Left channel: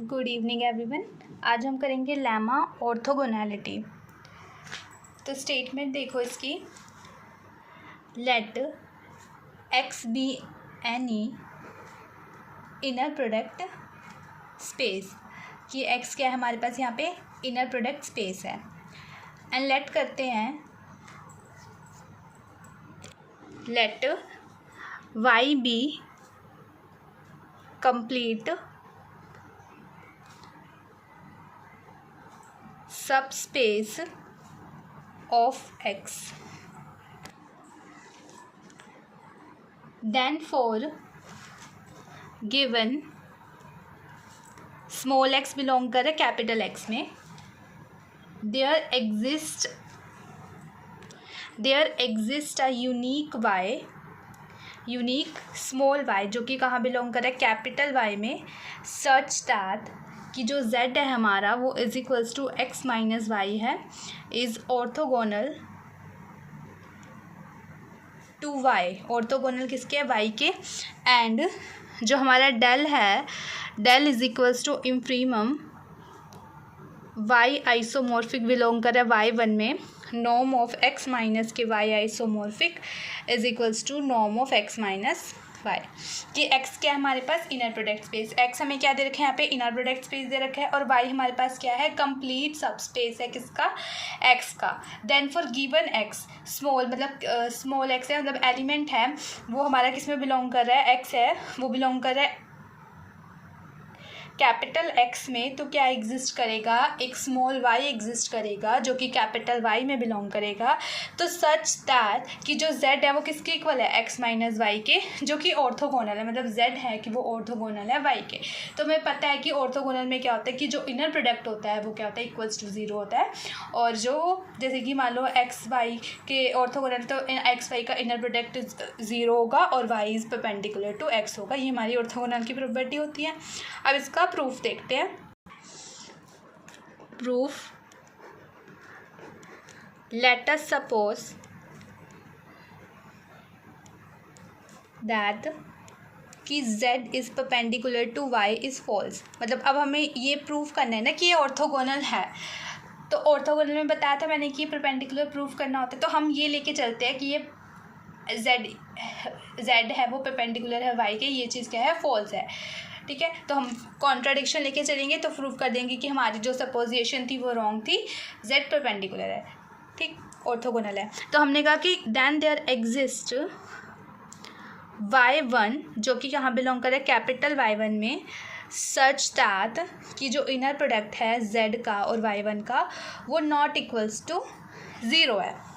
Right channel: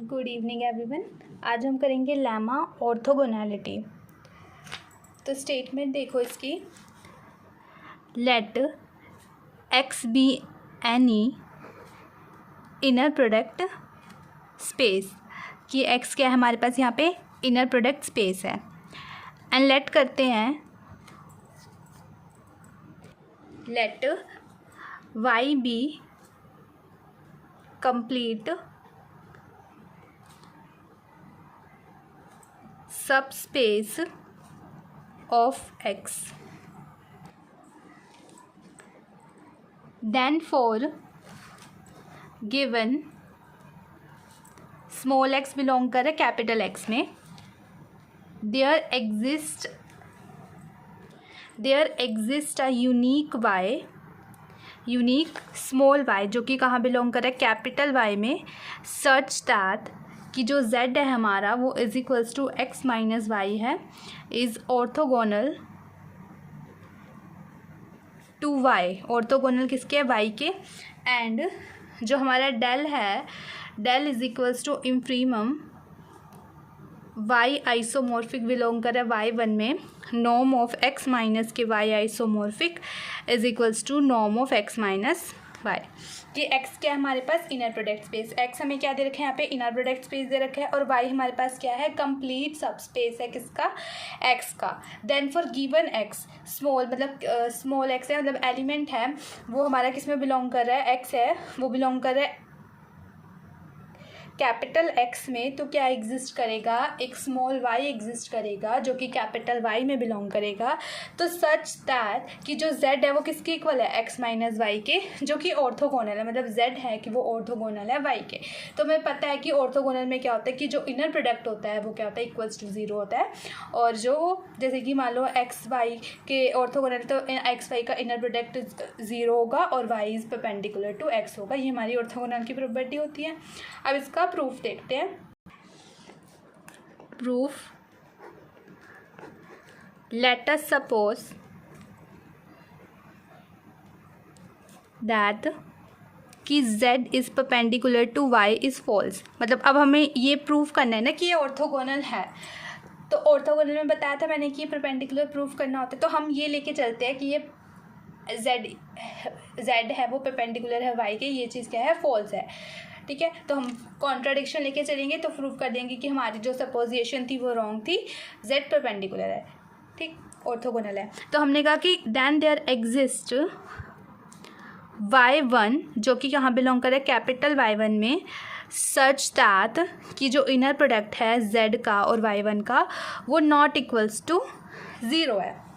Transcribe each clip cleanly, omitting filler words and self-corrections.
Good evening everyone. आज हम करेंगे लेमा ऑर्थोगोनैलिटी। तो स्टेटमेंट देखो इसकी, let X be any inner product space, कि एक्स क्या है हमारे पास यहाँ पे इनर प्रोडक्ट स्पेस है। एंड लेट करते हैं let Y be complete subspace of X. Then for given small x belong कर कैपिटल X में, there exist a unique small y जो कि कहाँ बिलोंग कर रहा है कैपिटल Y में, such that कि जो z है हमारा वो is equals to x minus y है, is orthogonal to y। Orthogonal किसके है? y के। एंड जो हमारा डेल है, del is equals to infimum y isomorphic belong कर रहा है y1 में, norm of x minus k y isomorphic is equals to norm of x minus y। कि x क्या है हमारे पास इनर प्रोडक्ट स्पेस, x हमें क्या दे रखा है यहाँ पे इनर प्रोडक्ट स्पेस दे रखा है, और y हमारे पास क्या है कंप्लीट सब स्पेस है किसका? x का। Then for given x small, मतलब स्मॉल x है, मतलब एलिमेंट है वो हमारा किस में बिलोंग कर रहा है? x है वो बिलोंग कर रहा है कैपिटल X में। तो क्या एग्जिस्ट करेगा? एक स्मॉल y एग्जिस्ट करेगा जो कि कैपिटल Y में बिलोंग करेगा। तो सच दैट कि जो z है वो किसके इक्वल है? x माइनस वाई के, जो कि ऑर्थोगोनल है, मतलब z है कि वो ऑर्थोगोनल है y के। तो हमें पता है कि ऑर्थोगोनल में क्या होता है कि जो इनर प्रोडक्ट होता है वो क्या होता है? इक्वल्स टू ज़ीरो होता है। और जो जैसे कि मान लो x y के ऑर्थोगोनल, तो x y का इनर प्रोडक्ट ज़ीरो होगा और y is perpendicular to x होगा। ये हमारी ऑर्थोगोनल की प्रॉपर्टी होती है। अब इसका प्रूफ देखते हैं। Proof, let us suppose that कि z is perpendicular to y is false. मतलब अब हमें ये प्रूफ करना है ना कि ये ऑर्थोगोनल है। तो ऑर्थोगोनल में बताया था मैंने कि परपेंडिकुलर प्रूफ करना होता है। तो हम ये लेके चलते हैं कि ये z है वो परपेंडिकुलर है y के, ये चीज़ क्या है? फॉल्स है। ठीक है, तो हम कॉन्ट्राडिक्शन लेके चलेंगे तो प्रूफ कर देंगे कि हमारी जो सपोजिशन थी वो रॉन्ग थी, z परपेंडिकुलर है, ठीक, ऑर्थोगोनल है। तो हमने कहा कि देन देयर एग्जिस्ट y1 जो कि कहाँ बिलोंग कर रहा है? कैपिटल y1 में, सच दैट कि जो इनर प्रोडक्ट है z का और y1 का वो नॉट इक्वल्स टू ज़ीरो है।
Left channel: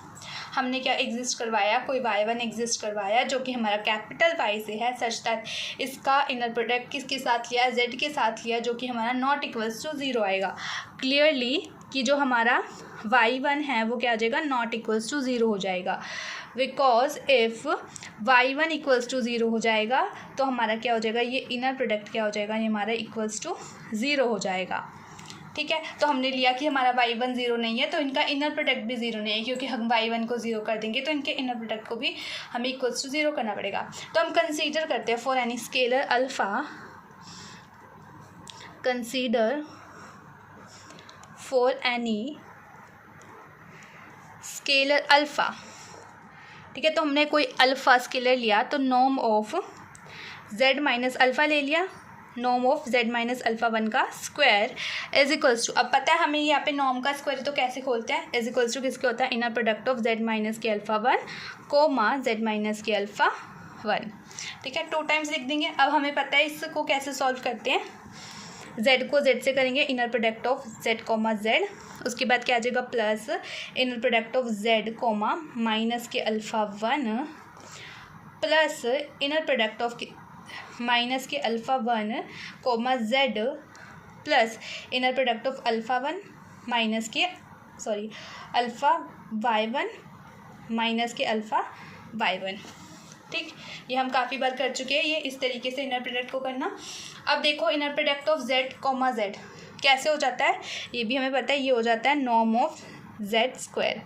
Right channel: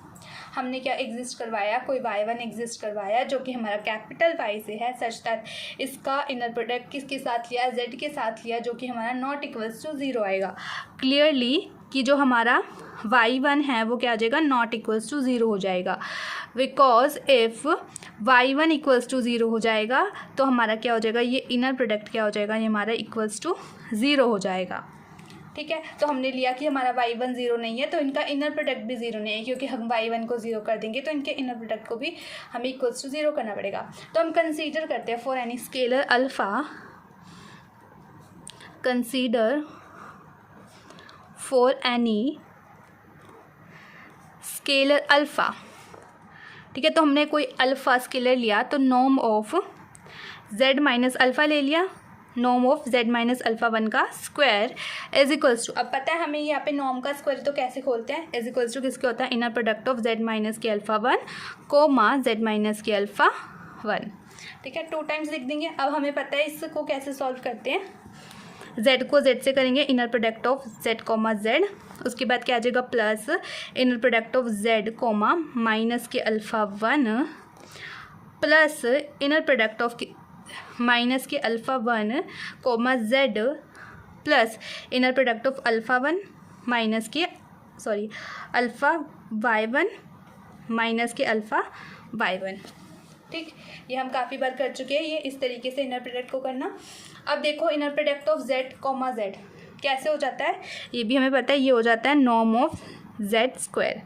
हमने क्या एग्जिस्ट करवाया? कोई y1 एग्जिस्ट करवाया जो कि हमारा कैपिटल Y से है, सच दैट इसका इनर प्रोडक्ट किसके साथ लिया? z के साथ लिया, जो कि हमारा नॉट इक्वल्स टू ज़ीरो आएगा। क्लियरली कि जो हमारा y1 है वो क्या आ जाएगा? नॉट इक्वल्स टू ज़ीरो हो जाएगा। Because if y1 equals to zero हो जाएगा तो हमारा क्या हो जाएगा? ये इनर प्रोडक्ट क्या हो जाएगा? ये हमारा इक्वल्स टू ज़ीरो हो जाएगा। ठीक है, तो हमने लिया कि हमारा y1 ज़ीरो नहीं है तो इनका इनर प्रोडक्ट भी ज़ीरो नहीं है, क्योंकि हम y1 को ज़ीरो कर देंगे तो इनके इनर प्रोडक्ट को भी हमें इक्वल्स टू ज़ीरो करना पड़ेगा। तो हम कंसीडर करते हैं for any scalar alpha, consider for any scalar alpha. ठीक है, तो हमने कोई अल्फ़ा स्केलर लिया तो norm of z minus alpha ले लिया, norm of z minus alpha 1 का स्क्वायर इज इक्वल्स टू, अब पता है हमें यहाँ पे नॉर्म का स्क्वायर तो कैसे खोलते हैं? इज इक्वल्स टू किसके होता है? Inner product of z minus के अल्फ़ा 1 कोमा z माइनस के अल्फ़ा 1। ठीक है, 2 टाइम्स लिख देंगे। अब हमें पता है इसको कैसे सॉल्व करते हैं। z को z से करेंगे inner product of z comma z, उसके बाद क्या आ जाएगा? Plus inner product of z comma minus के alpha 1 plus inner product of minus के alpha 1 comma z plus inner product of alpha 1 minus के अल्फ़ा y1 माइनस के alpha y1। ठीक, ये हम काफ़ी बार कर चुके हैं, ये इस तरीके से इनर प्रोडक्ट को करना। अब देखो inner product of z comma z कैसे हो जाता है, ये भी हमें पता है। ये हो जाता है नॉर्म ऑफ जेड स्क्वायर।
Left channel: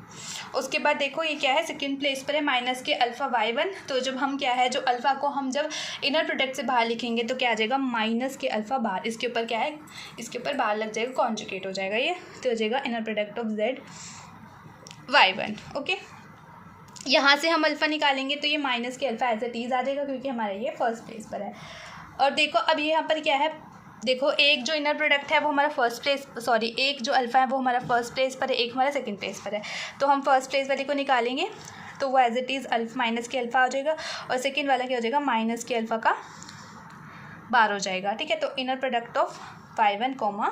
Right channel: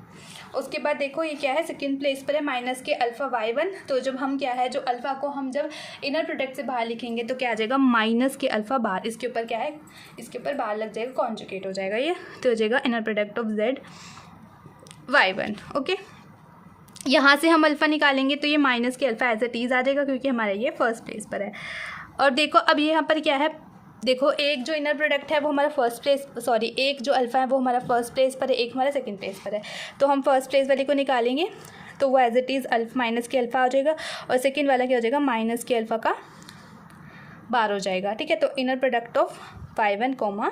उसके बाद देखो ये क्या है, सेकंड प्लेस पर है माइनस के अल्फ़ा वाई वन। तो जब हम क्या है, जो अल्फ़ा को हम जब इनर प्रोडक्ट से बाहर लिखेंगे तो क्या आ जाएगा, माइनस के अल्फ़ा बाहर, इसके ऊपर क्या है, इसके ऊपर बाहर लग जाएगा, कॉन्जुगेट हो जाएगा ये, तो हो जाएगा inner product of Z Y one. Okay, यहाँ से हम अल्फ़ा निकालेंगे तो ये माइनस के अल्फ़ा एज इट इज़ आ जाएगा, क्योंकि हमारा ये फर्स्ट प्लेस पर है। और देखो अब ये यहाँ पर क्या है, देखो एक जो इनर प्रोडक्ट है वो हमारा फर्स्ट प्लेस, सॉरी एक जो अल्फ़ा है वो हमारा फर्स्ट प्लेस पर है, एक हमारा सेकंड प्लेस पर है। तो हम फर्स्ट प्लेस वाले को निकालेंगे तो वो एज इट इज़ माइनस के अल्फ़ा हो जाएगा, और सेकंड वाला क्या हो जाएगा, माइनस के अल्फ़ा का बार हो जाएगा। ठीक है, तो inner product of Y one comma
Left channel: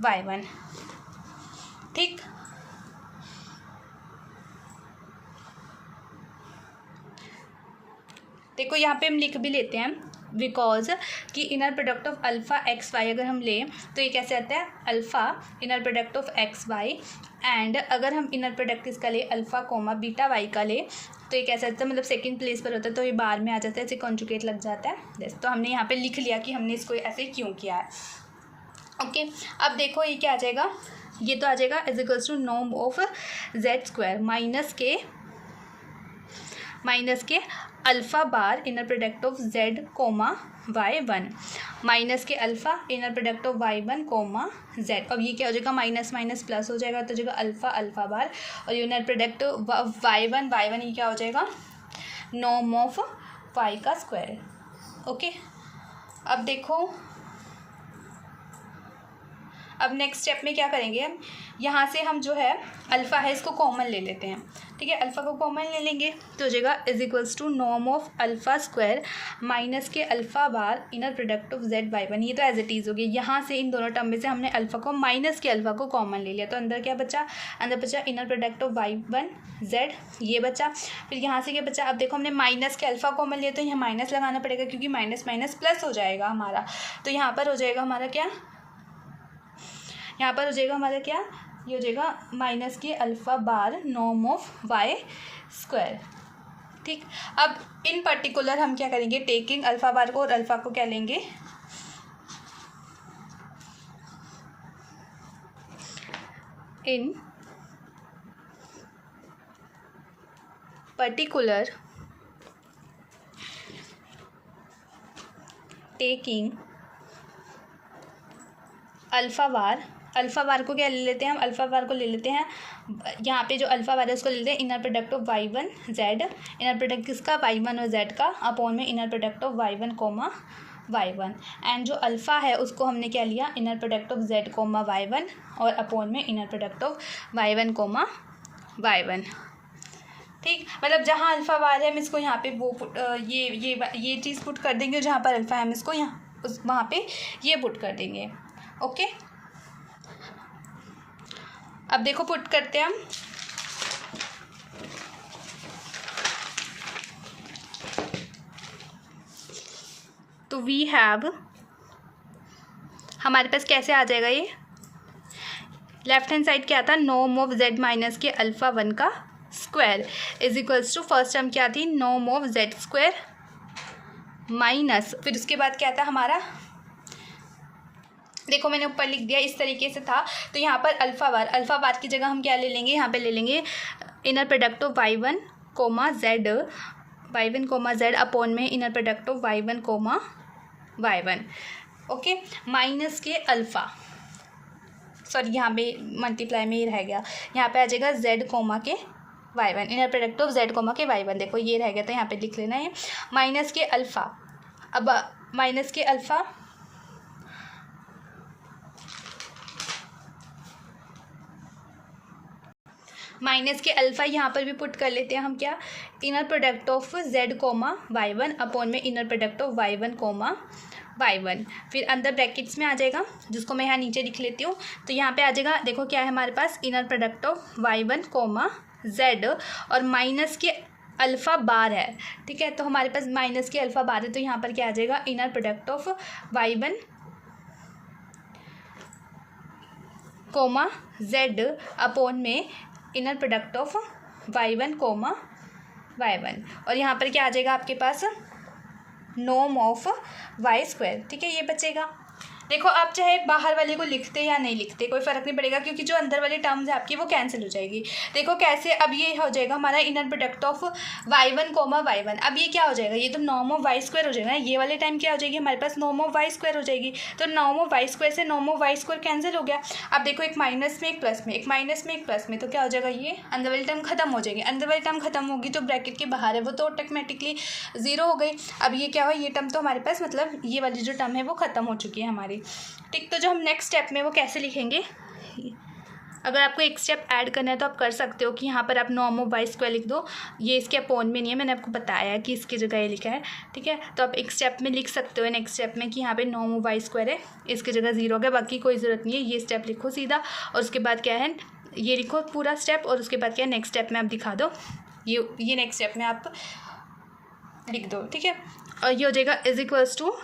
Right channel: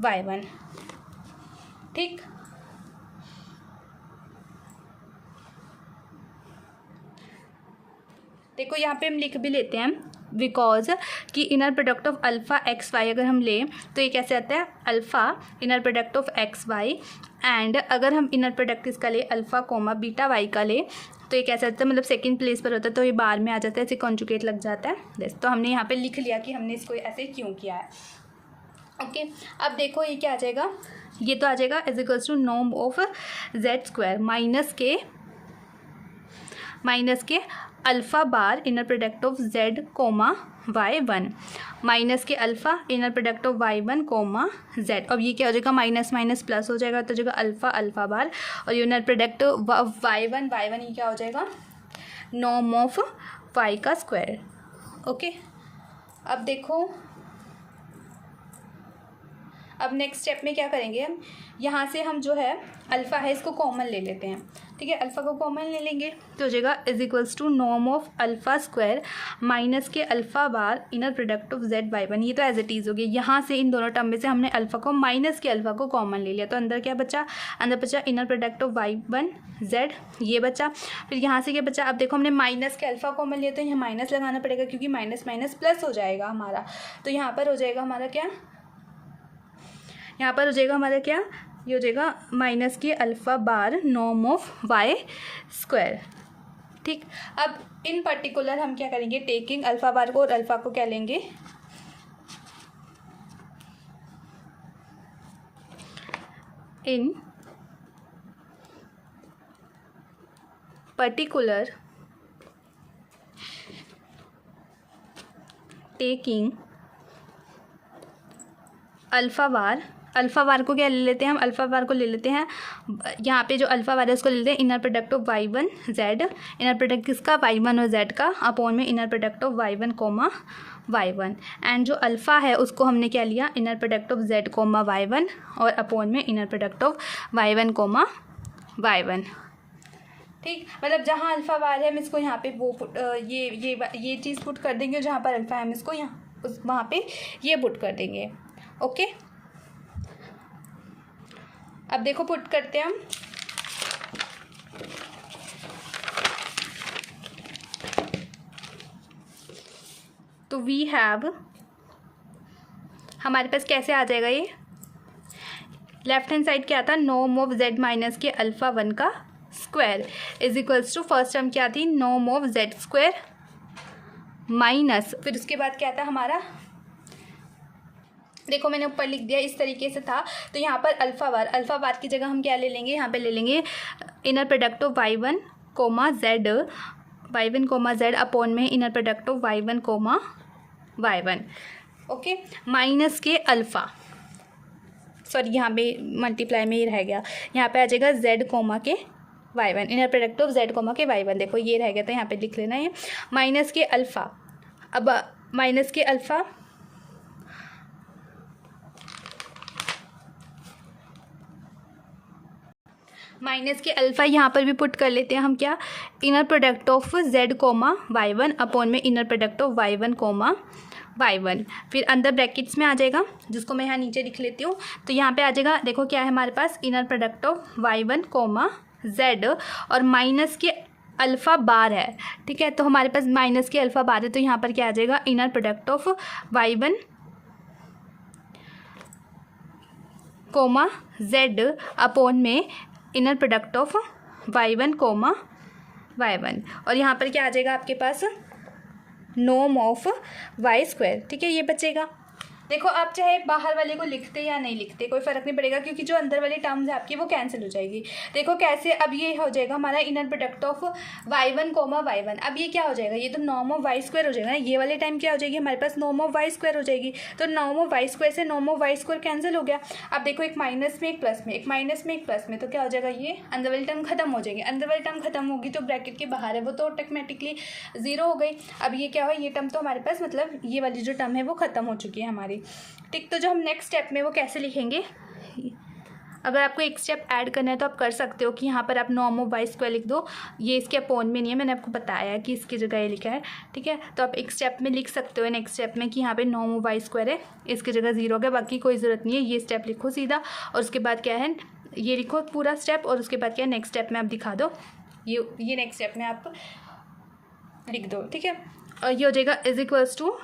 Y one. ठीक, देखो यहाँ पे हम लिख भी लेते हैं, बिकॉज कि inner product of alpha X Y अगर हम लें तो ये कैसे आता है, alpha inner product of X Y, and अगर हम इनर प्रोडक्ट इसका ले अल्फ़ा कोमा बीटा वाई का ले तो ये कैसे आता है, मतलब सेकंड प्लेस पर होता है तो ये बार में आ जाता है, ऐसे कॉन्जुगेट लग जाता है। बस, तो हमने यहाँ पे लिख लिया कि हमने इसको ऐसे क्यों किया है। ओके, अब देखो ये क्या आ जाएगा, ये तो आ जाएगा is equals to norm of z square minus के alpha bar inner product of z comma Y one, minus के alpha inner product of Y one comma z. अब ये क्या हो जाएगा, माइनस माइनस प्लस हो जाएगा, तो जाएगा अल्फ़ा बार, और ये इनर प्रोडक्ट वाई वन ये क्या हो जाएगा, नॉर्म ऑफ वाई का स्क्वायर। ओके, अब देखो, अब नेक्स्ट स्टेप में क्या करेंगे हम, यहाँ से हम जो है अल्फ़ा है इसको कॉमन ले लेते हैं। ठीक है, अल्फ़ा को कॉमन ले लेंगे तो हो जाएगा is equals to norm of alpha square minus के alpha bar inner product of Z Y one. ये तो एज इट इज़ हो गया, यहाँ से इन दोनों टर्म में से हमने अल्फ़ा को माइनस के अल्फ़ा को कॉमन ले लिया, तो अंदर क्या बचा, अंदर बचा inner product of Y one Z, ये बचा। फिर यहाँ से क्या बचा, अब देखो हमने माइनस के अल्फ़ा कॉमन लिया तो यहाँ माइनस लगाना पड़ेगा, क्योंकि माइनस माइनस प्लस हो जाएगा हमारा, तो यहाँ पर हो जाएगा हमारा क्या, यहाँ पर हो जाएगा हमारा क्या, ये हो जाएगा माइनस के alpha bar norm of Y square. ठीक, अब इन पर्टिकुलर हम क्या करेंगे, टेकिंग अल्फ़ा बार को और अल्फ़ा को क्या लेंगे, इन पर्टिकुलर टेकिंग अल्फ़ा बार को क्या ले लेते हैं हम, अल्फ़ा बार को ले लेते हैं, यहाँ पे जो अल्फ़ा बार है उसको ले लेते हैं inner product of Y one z, inner product किसका, वाई वन और जेड का, अपॉन में inner product of Y one comma Y one, and जो अल्फ़ा है उसको हमने क्या लिया, inner product of z comma Y one, और अपॉन में inner product of Y one comma Y one. ठीक, मतलब जहाँ अल्फ़ा बार है हम इसको यहाँ पे वो पुट ये चीज़ पुट कर देंगे, जहाँ पर अल्फ़ा है हम इसको यहाँ उस वहाँ पे ये पुट कर देंगे। ओके, अब देखो पुट करते हैं हम, तो वी हैव, हमारे पास कैसे आ जाएगा ये, लेफ्ट हैंड साइड क्या था, नॉर्म ऑफ जेड माइनस के अल्फ़ा वन का square is equals to, first term क्या थी, norm of z square minus, फिर उसके बाद क्या था हमारा, देखो मैंने ऊपर लिख दिया इस तरीके से था, तो यहाँ पर अल्फ़ा बार की जगह हम क्या ले लेंगे, यहाँ पे ले लेंगे inner product of Y one comma z upon में inner product of Y one comma Y one. Okay, minus के अल्फ़ा, सॉरी यहाँ पे मल्टीप्लाई में ही रह गया, यहाँ पे आ जाएगा z comma k y one, inner product of z comma k y one, देखो ये रह गया तो यहाँ पे लिख लेना है माइनस के अल्फ़ा। अब माइनस के अल्फ़ा यहाँ पर भी पुट कर लेते हैं हम, क्या, inner product of z comma Y one upon में inner product of Y one comma Y one, फिर अंदर ब्रैकेट्स में आ जाएगा, जिसको मैं यहाँ नीचे लिख लेती हूँ, तो यहाँ पे आ जाएगा, देखो क्या है हमारे पास, inner product of Y one comma z, और माइनस के अल्फ़ा बार है। ठीक है, तो हमारे पास माइनस के अल्फ़ा बार है, तो यहाँ पर क्या आ जाएगा, inner product of Y one comma z upon में inner product of Y one comma Y one, और यहाँ पर क्या आ जाएगा आपके पास, नॉर्म ऑफ वाई स्क्वायर। ठीक है, ये बचेगा। देखो आप चाहे बाहर वाले को लिखते या नहीं लिखते कोई फ़र्क नहीं पड़ेगा, क्योंकि जो अंदर वाली टर्म्स है आपकी वो कैंसिल हो जाएगी। देखो कैसे, अब ये हो जाएगा हमारा inner product of y1 coma y1। अब ये क्या हो जाएगा, ये तो नॉर्म ऑफ वाई स्क्वायर हो जाएगा ना, ये वाले टाइम क्या हो जाएगी हमारे पास नॉर्म ऑफ वाई स्क्वायर हो जाएगी। तो नॉर्म ऑफ वाई स्क्वायर से norm of Y square cancel हो गया। अब देखो एक माइनस में एक प्लस में, एक माइनस में एक प्लस में, तो क्या हो जाएगा, ये अंदर वाली टर्म खत्म हो जाएगी। अंदर वाली टर्म खत्म होगी तो ब्रैकेट के बाहर है वो तो ऑटोमेटिकली ज़ीरो हो गई। अब ये क्या हुआ, ये टर्म तो हमारे पास मतलब ये वाली जो टर्म है वो ख़त्म हो चुकी है हमारी। ठीक, तो जो हम नेक्स्ट स्टेप में वो कैसे लिखेंगे, अगर आपको एक स्टेप ऐड करना है तो आप कर सकते हो कि यहाँ पर आप नॉर्म ऑफ वाई स्क्वायर लिख दो। ये इसके अपोन में नहीं है, मैंने आपको बताया है कि इसकी जगह ये लिखा है। ठीक है, तो आप एक स्टेप में लिख सकते हो नेक्स्ट स्टेप में कि यहाँ पे नॉर्म ऑफ वाई स्क्वायर है, इसकी जगह ज़ीरो हो गया, बाकी कोई ज़रूरत नहीं है। ये स्टेप लिखो सीधा, और उसके बाद क्या है, ये लिखो पूरा स्टेप, और उसके बाद क्या है नेक्स्ट स्टेप में आप दिखा दो, ये नेक्स्ट स्टेप में आप लिख दो। ठीक है, और ये हो जाएगा is equals to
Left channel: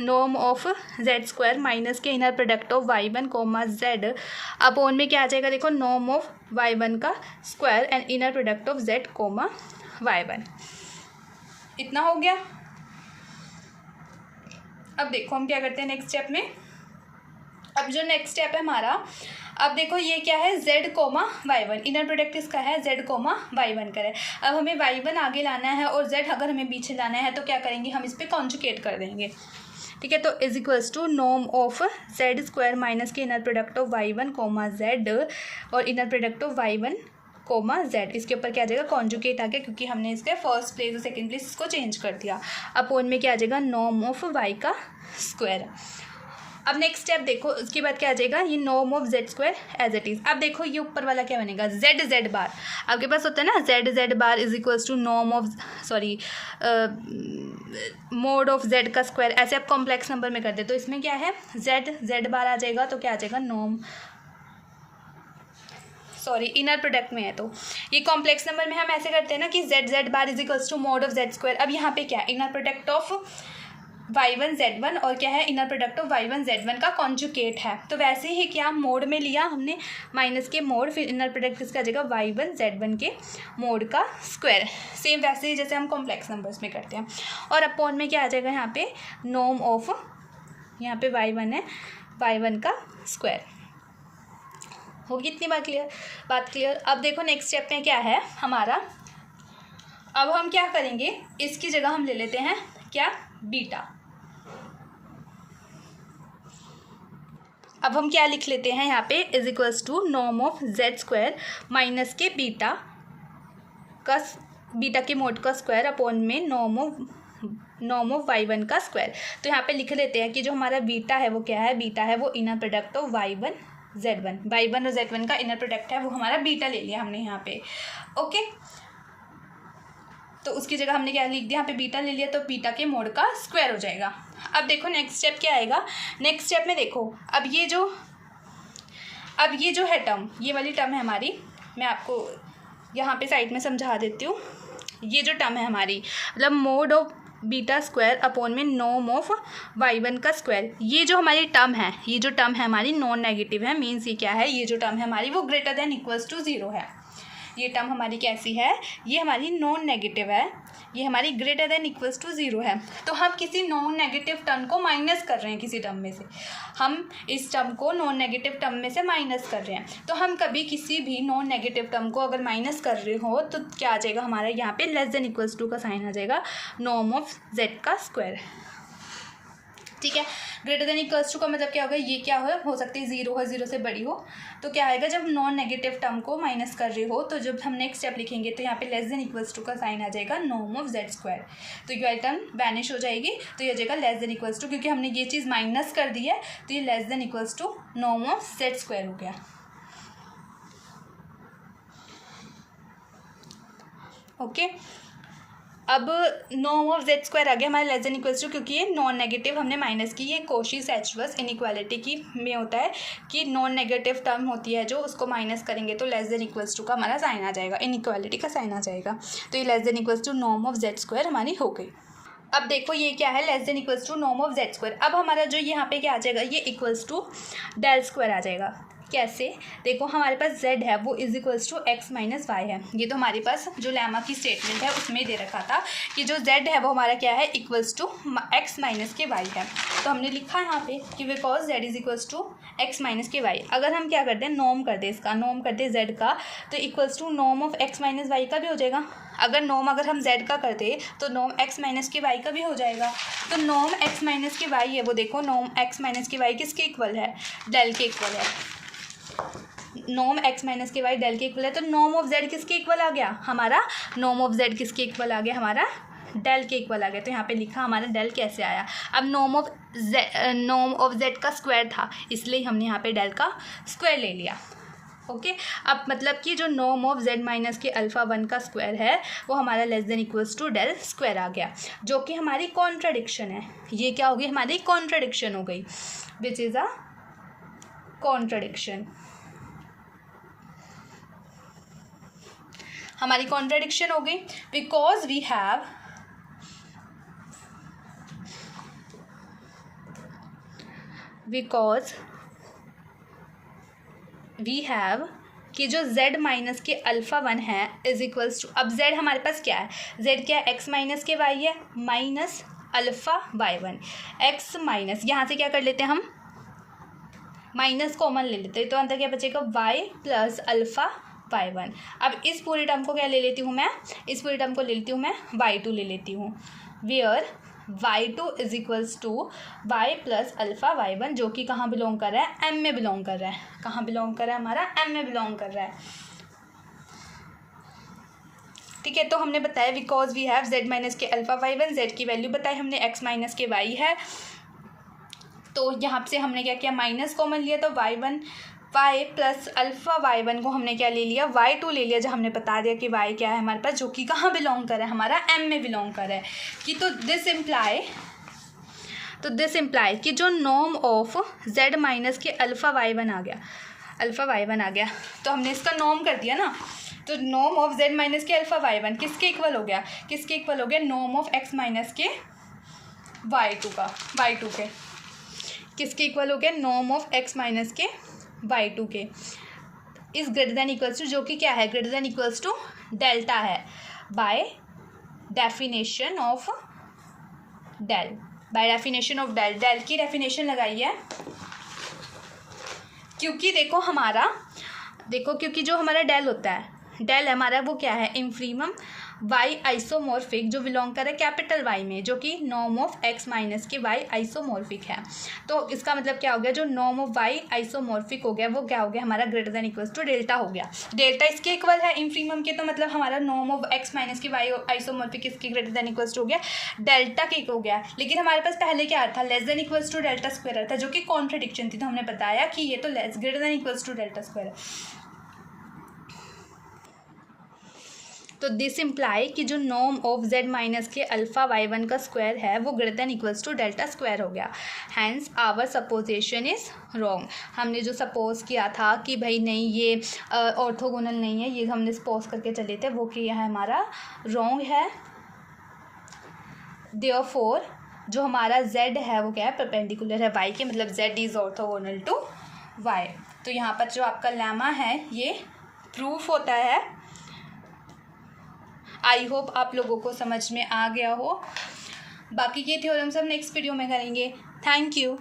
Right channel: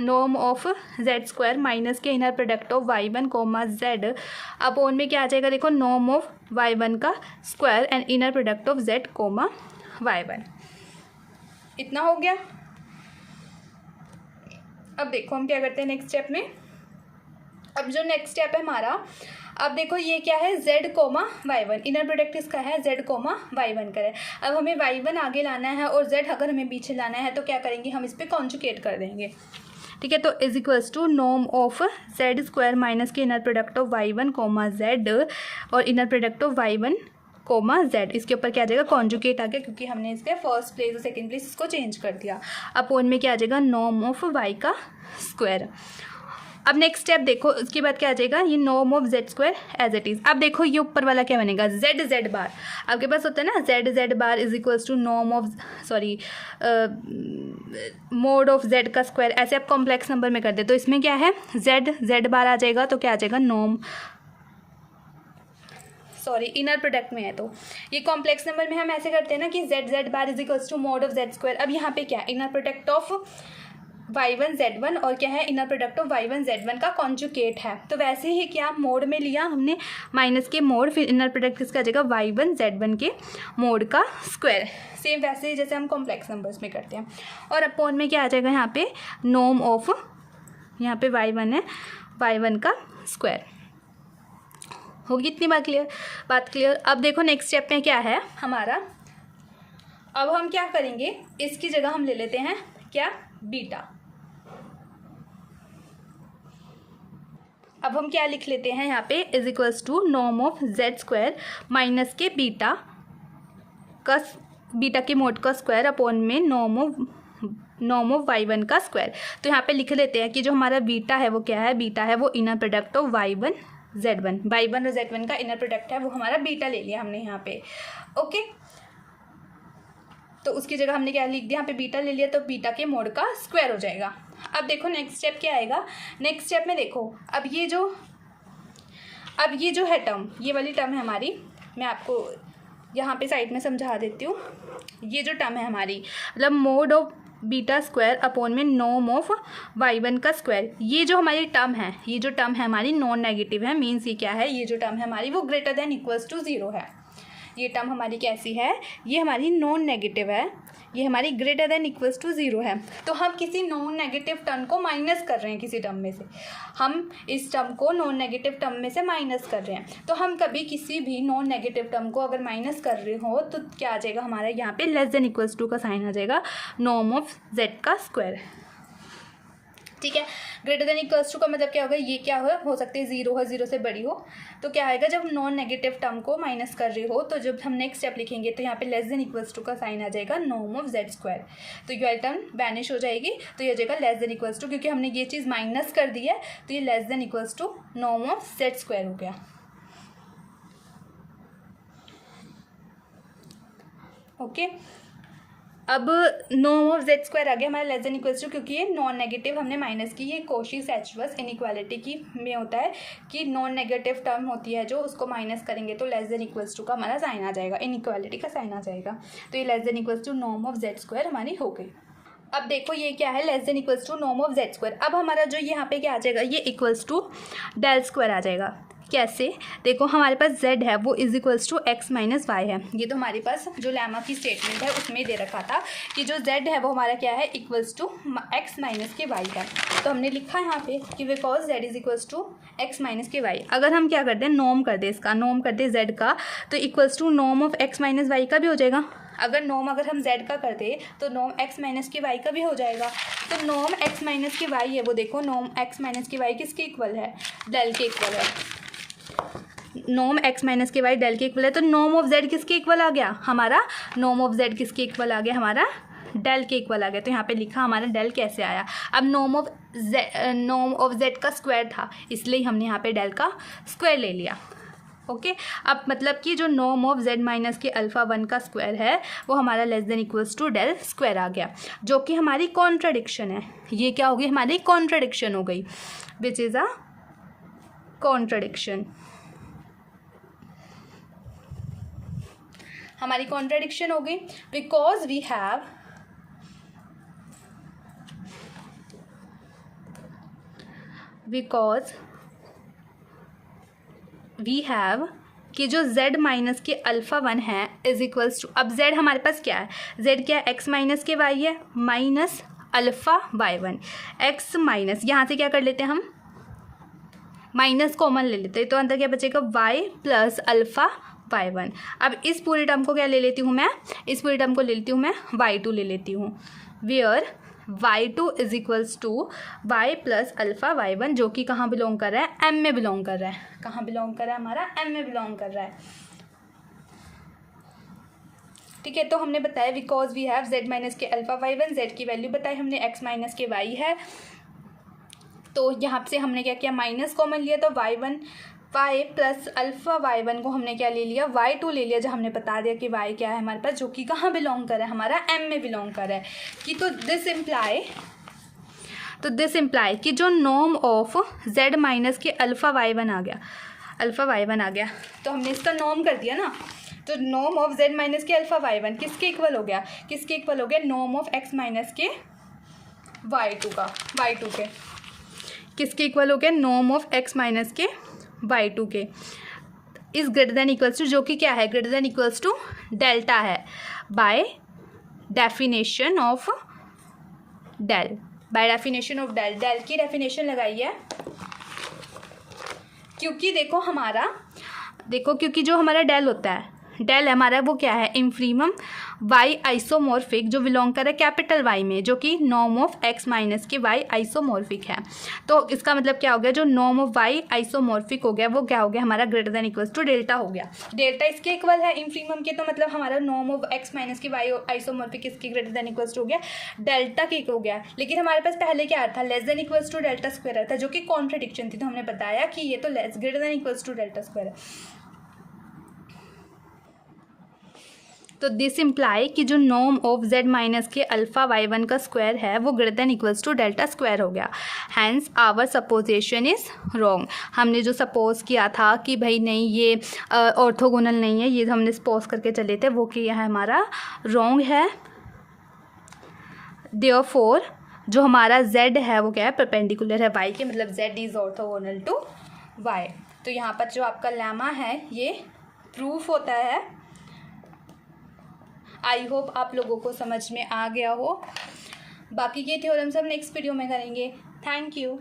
norm of z square minus k inner product of y1 comma z upon में क्या आ जाएगा, देखो नॉर्म ऑफ y1 का square and inner product of z comma y1। इतना हो गया। अब देखो हम क्या करते हैं नेक्स्ट स्टेप में। अब जो नेक्स्ट स्टेप है हमारा, अब देखो ये क्या है z comma y1, inner product इसका है z कोमा y1 का है। अब हमें y1 आगे लाना है और z अगर हमें पीछे लाना है तो क्या करेंगे, हम इस पर कॉन्जुगेट कर देंगे। ठीक है, तो is equals to norm of z square minus k inner product of y1 comma z और inner product of y1 comma z, इसके ऊपर क्या आ जाएगा कॉन्जुगेट आ गया, क्योंकि हमने इसके फर्स्ट प्लेस और सेकंड प्लेस इसको चेंज कर दिया। अपोन में क्या आ जाएगा नॉर्म ऑफ y का स्क्वायर। अब नेक्स्ट स्टेप देखो, उसके बाद क्या आ जाएगा, ये norm of z square as it is. अब देखो ये ऊपर वाला क्या बनेगा, जेड बार आपके पास होता है ना, z bar is equals to norm of mod of z का स्क्वायर। ऐसे आप कॉम्प्लेक्स नंबर में कर दे तो इसमें क्या है जेड बार आ जाएगा, तो क्या आ जाएगा इनर प्रोडक्ट में है तो ये कॉम्प्लेक्स नंबर में हम ऐसे करते हैं ना कि z bar is equals to mod of z square. अब यहाँ पे क्या है, inner product of y1 z1 और क्या है inner product of y1 z1 का कॉन्जुगेट है। तो वैसे ही क्या मोड में लिया हमने माइनस के मोड, फिर इनर प्रोडक्ट किसका आ जाएगा y1 z1 के मोड का स्क्वायर। सेम वैसे ही जैसे हम कॉम्प्लेक्स नंबर्स में करते हैं। और अपोन में क्या आ जाएगा यहाँ पे नॉर्म ऑफ, यहाँ पे y1 है, y1 का स्क्वायर। होगी इतनी बात क्लियर। अब देखो नेक्स्ट स्टेप में क्या है हमारा, अब हम क्या करेंगे, इसकी जगह हम ले लेते हैं क्या, बीटा। अब हम क्या लिख लेते हैं यहाँ पे, is equals to norm of z square minus k beta के मोड का स्क्वायर अपोन में नॉर्म ऑफ y1 का स्क्वायर। तो यहाँ पे लिख लेते हैं कि जो हमारा बीटा है वो क्या है, बीटा है वो इनर प्रोडक्ट ऑफ y1 और z1 का इनर प्रोडक्ट है, वो हमारा बीटा ले लिया हमने यहाँ पे। ओके, तो उसकी जगह हमने क्या लिख दिया, यहाँ पे बीटा ले लिया, तो बीटा के मोड का स्क्वायर हो जाएगा। अब देखो नेक्स्ट स्टेप क्या आएगा, नेक्स्ट स्टेप में देखो अब ये जो है टर्म, ये वाली टर्म है हमारी, मैं आपको यहाँ पे साइड में समझा देती हूँ। ये जो टर्म है हमारी मतलब mode of beta square upon में नॉर्म ऑफ y1 का स्क्वायर, ये जो हमारी टर्म है, ये जो टर्म है हमारी नॉन नेगेटिव है, मीन्स ये क्या है, ये जो टर्म है हमारी वो greater than equals to zero है। ये टर्म हमारी कैसी है, ये हमारी नॉन नेगेटिव है, ये हमारी greater than equals to zero है। तो हम किसी नॉन नेगेटिव टर्म को माइनस कर रहे हैं, किसी टर्म में से हम इस टर्म को नॉन नेगेटिव टर्म में से माइनस कर रहे हैं। तो हम कभी किसी भी नॉन नेगेटिव टर्म को अगर माइनस कर रहे हो तो क्या आ जाएगा हमारा, यहाँ पे लेस देन इक्वल्स टू का साइन आ जाएगा, नॉर्म ऑफ जेड का स्क्वायर। ठीक है, ग्रेटर देन इक्वल्स टू का मतलब क्या होगा, ये क्या हो सकती है ज़ीरो हो, ज़ीरो से बड़ी हो, तो क्या आएगा जब नॉन नेगेटिव टर्म को माइनस कर रहे हो, तो जब हम नेक्स्ट स्टेप लिखेंगे तो यहाँ पे लेस देन इक्वल्स टू का साइन आ जाएगा, नॉर्म ऑफ जेड स्क्वायर। तो ये टर्म वैनिश हो जाएगी, तो ये हो जाएगा लेस देन इक्वल्स टू, क्योंकि हमने ये चीज़ माइनस कर दी है, तो ये less than equals to norm of z square हो गया। ओके, अब नॉर्म ऑफ जेड स्क्वायर आ गया हमारे लेस देन इक्वल्स टू, क्योंकि ये नॉन नेगेटिव हमने माइनस की। ये कोशी-सेचवर्स इनइक्वालिटी की में होता है कि नॉन नेगेटिव टर्म होती है जो, उसको माइनस करेंगे तो लेस देन इक्वल्स टू का हमारा साइन आ जाएगा, इनइक्वालिटी का साइन आ जाएगा। तो ये less than equals to norm of z square हमारी हो गई। अब देखो ये क्या है, less than equals to norm of z square. अब हमारा जो यहाँ पे क्या आ जाएगा, ये इक्वल्स टू डेल स्क्वायर आ जाएगा। कैसे, देखो हमारे पास z है वो is equals to x minus y है। ये तो हमारे पास जो लेमा की स्टेटमेंट है उसमें दे रखा था कि जो z है वो हमारा क्या है, equals to x minus k y है। तो हमने लिखा यहाँ पे कि because z is equals to x minus k y। अगर हम क्या करते हैं, नॉर्म कर दे इसका, नॉर्म कर दे z का, तो equals to norm of x minus y का भी हो जाएगा। अगर हम z का करते तो norm x minus k y का भी हो जाएगा। तो norm x minus k y है वो, देखो norm x minus k y किसके इक्वल है, डेल के इक्वल है। Norm x minus k y del के इक्वल है, तो नॉर्म ऑफ z किसके इक्वल आ गया हमारा, नॉर्म ऑफ z किसके इक्वल आ गया हमारा, डेल के इक्वल आ गया। तो यहाँ पे लिखा हमारा डेल कैसे आया, अब नॉर्म ऑफ z का स्क्वायर था इसलिए हमने यहाँ पे डेल का स्क्वायर ले लिया। ओके अब मतलब कि जो नॉर्म ऑफ z माइनस के अल्फ़ा 1 का स्क्वायर है वो हमारा less than equals to del square आ गया, जो कि हमारी कॉन्ट्रडिक्शन है। ये क्या होगी, हमारी कॉन्ट्रडिक्शन हो गई, विच इज़ अ कॉन्ट्रडिक्शन। हमारी कॉन्ट्रडिक्शन हो गई बिकॉज वी हैव कि जो z माइनस के अल्फ़ा 1 है इज इक्वल्स टू, अब z हमारे पास क्या है, z क्या है, x माइनस के y है minus alpha y1, x minus, यहाँ से क्या कर लेते हैं हम, माइनस कॉमन ले लेते हैं, तो अंदर क्या बचेगा y प्लस अल्फ़ा y1। अब इस पूरी टर्म को क्या ले लेती हूँ मैं, इस पूरी टर्म को ले लेती हूँ मैं y2 ले लेती हूँ, where y2 is equals to y plus alpha y1, जो कि कहाँ बिलोंग कर रहा है, m में बिलोंग कर रहा है। कहाँ बिलोंग कर रहा है हमारा, m में बिलोंग कर रहा है। ठीक है, तो हमने बताया because we have z minus के अल्फ़ा y1, z की वैल्यू बताई हमने, x माइनस के y है, तो यहाँ से हमने क्या किया, माइनस कॉमन लिया, तो y1 y plus alpha y1 को हमने क्या ले लिया, y2 ले लिया, जब हमने बता दिया कि y क्या है हमारे पास, जो कि कहाँ बिलोंग कर रहा है हमारा, m में बिलोंग कर रहा है कि तो दिस इम्प्लाई कि जो नॉर्म ऑफ z माइनस के अल्फ़ा y1 आ गया, तो हमने इसका नॉर्म कर दिया ना, तो नॉर्म ऑफ z माइनस के अल्फ़ा y1 किसके इक्वल हो गया, norm of x minus k y2 के किसके इक्वल हो गया, norm of x minus k y2 के is greater than equals to, जो कि क्या है, greater than equals to delta है, by definition of del, del की डेफिनेशन लगाई है, क्योंकि क्योंकि जो हमारा डेल होता है, डेल हमारा वो क्या है, इंफीमम y आइसोमॉर्फिक, जो बिलोंग कर रहा है कैपिटल Y में, जो कि norm of x minus k y isomorphic है। तो इसका मतलब क्या हो गया, जो नॉर्म ऑफ y आइसोमॉर्फिक हो गया वो क्या हो गया हमारा, greater than equals to delta हो गया। डेल्टा इसके इक्वल है इंफीमम के, तो मतलब हमारा norm of x minus k y isomorphic इसके ग्रेटर देन इक्वल्स टू हो गया, डेल्टा के हो गया। लेकिन हमारे पास पहले क्या था, less than equals to delta square था, जो कि कॉन्ट्रडिक्शन थी, तो हमने बताया कि ये तो less greater than equals to delta square है। तो दिस इम्प्लाई कि जो नॉर्म ऑफ z माइनस के अल्फ़ा y1 का स्क्वायर है वो greater than equals to delta square हो गया, hence our supposition is wrong. हमने जो सपोज किया था कि भाई नहीं ये ऑर्थोगोनल नहीं है, ये हमने सपोज करके चले थे, वो किया है हमारा रॉन्ग है। देयरफॉर जो हमारा z है वो क्या है, परपेंडिकुलर है y के, मतलब z is orthogonal to y। तो यहाँ पर जो आपका लेमा है ये प्रूफ होता है। आई होप आप लोगों को समझ में आ गया हो। बाकी ये थ्योरम्स हम नेक्स्ट वीडियो में करेंगे। Thank you.